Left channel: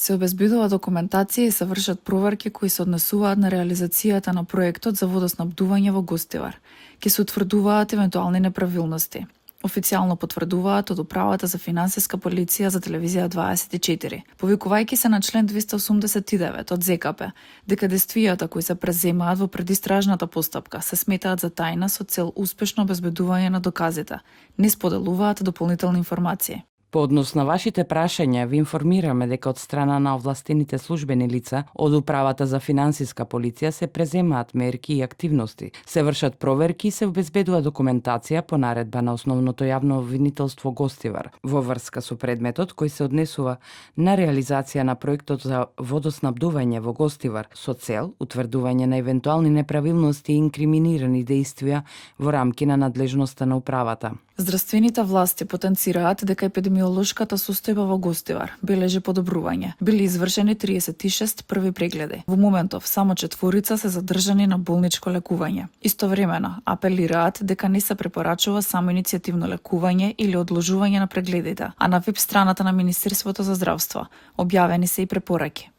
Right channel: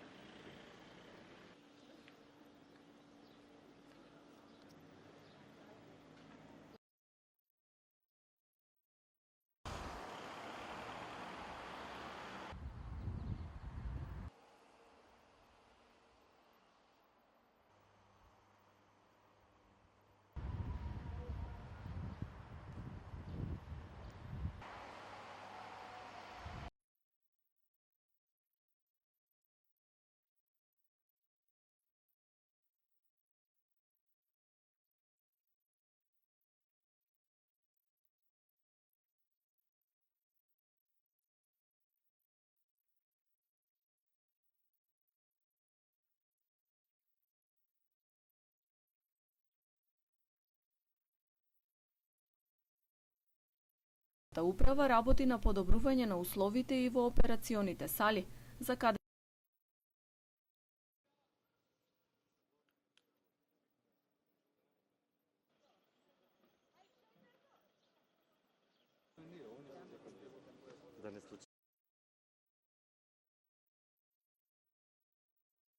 Се обезбедува документација и се вршат проверки кои се однесуваат на реализацијата на проектот за водоснабдување во Гостивар. Ке се утврдуваат евентуални неправилности. Официјално потврдуваат од Управата за финансиска полиција за телевизија 24, повикувајќи се на член 289 од ЗКП, дека действијата кои се преземаат во предистражната постапка се сметаат за тајна со цел успешно обезбедување на доказите, не споделуваат дополнителни информации. По однос на вашите прашања, ви информираме дека од страна на овластените службени лица од Управата за финансиска полиција се преземаат мерки и активности, се вршат проверки и се обезбедува документација по наредба на Основното јавно обвинителство Гостивар во врска со предметот кој се однесува на реализација на проектот за водоснабдување во Гостивар со цел утврдување на евентуални неправилности и инкриминирани дејствија во рамки на надлежноста на управата. Здравствените власти потенцираат дека епидемиолошката состојба во Гостивар бележи подобрување. Били извршени 36 први прегледи. Во моментов само 4 се задржани на болничко лекување. Истовремено апелираат дека не се препорачува само иницијативно лекување или одложување на прегледите, а на веб страната на Министерството за здравство објавени се и препораки.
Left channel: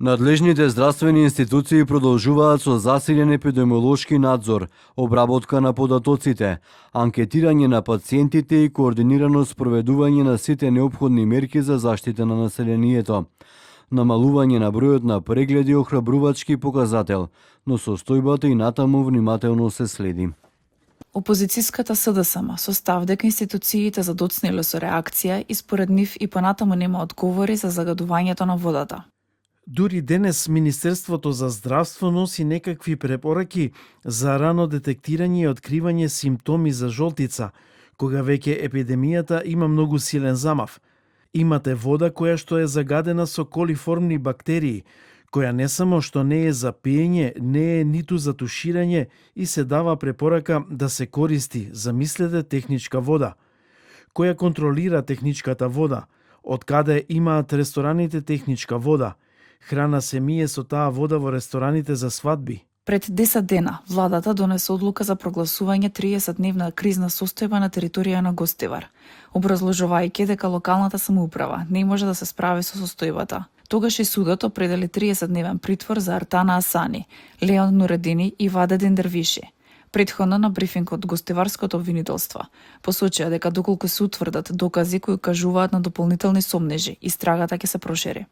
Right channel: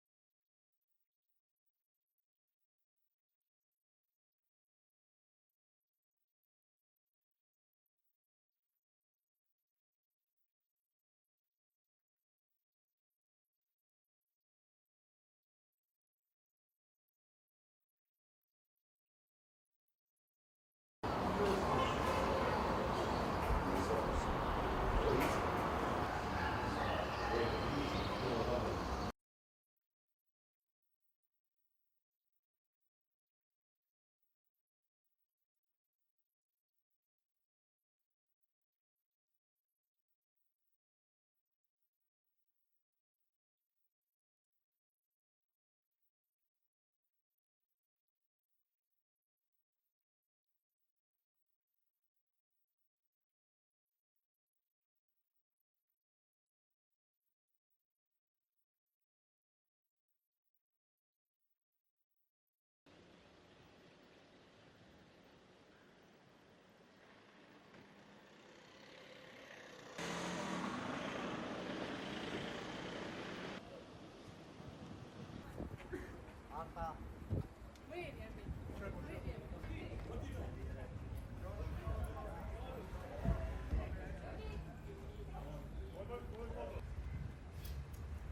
Надлежните здравствени институции продолжуваат со засилен епидемиолошки надзор, обработка на податоците, анкетирање на пациентите и координирано спроведување на сите неопходни мерки за заштита на населението. Намалување на бројот на прегледи е охрабрувачки показател, но состојбата и натаму внимателно се следи. Опозицијската СДСМ со став дека институциите задоцниле со реакција и според нив и понатаму нема одговори за загадувањето на водата. Дури денес Министерството за здравство носи некакви препораки за рано детектирање и откривање симптоми за жолтица, кога веќе епидемијата има многу силен замав. Имате вода која што е загадена со колиформни бактерии, која не само што не е за пиење, не е ниту за туширање и се дава препорака да се користи, замислете, техничка вода. Која контролира техничката вода? Од каде имаат рестораните техничка вода? Храна се мие со таа вода во рестораните за свадби. Пред 10 дена, владата донесе одлука за прогласување 30-дневна кризна состојба на територија на Гостивар, образложувајќи дека локалната самоуправа не може да се справи со состојбата. Тогаш и судот определи 30-дневен притвор за Артана Асани, Леон Нуредини и Вадедин Дервиши. Претходно на брифинг од Гостиварското обвинителство посочија дека доколку се утврдат докази кои кажуваат на дополнителни сомнежи, истрагата ќе се прошири.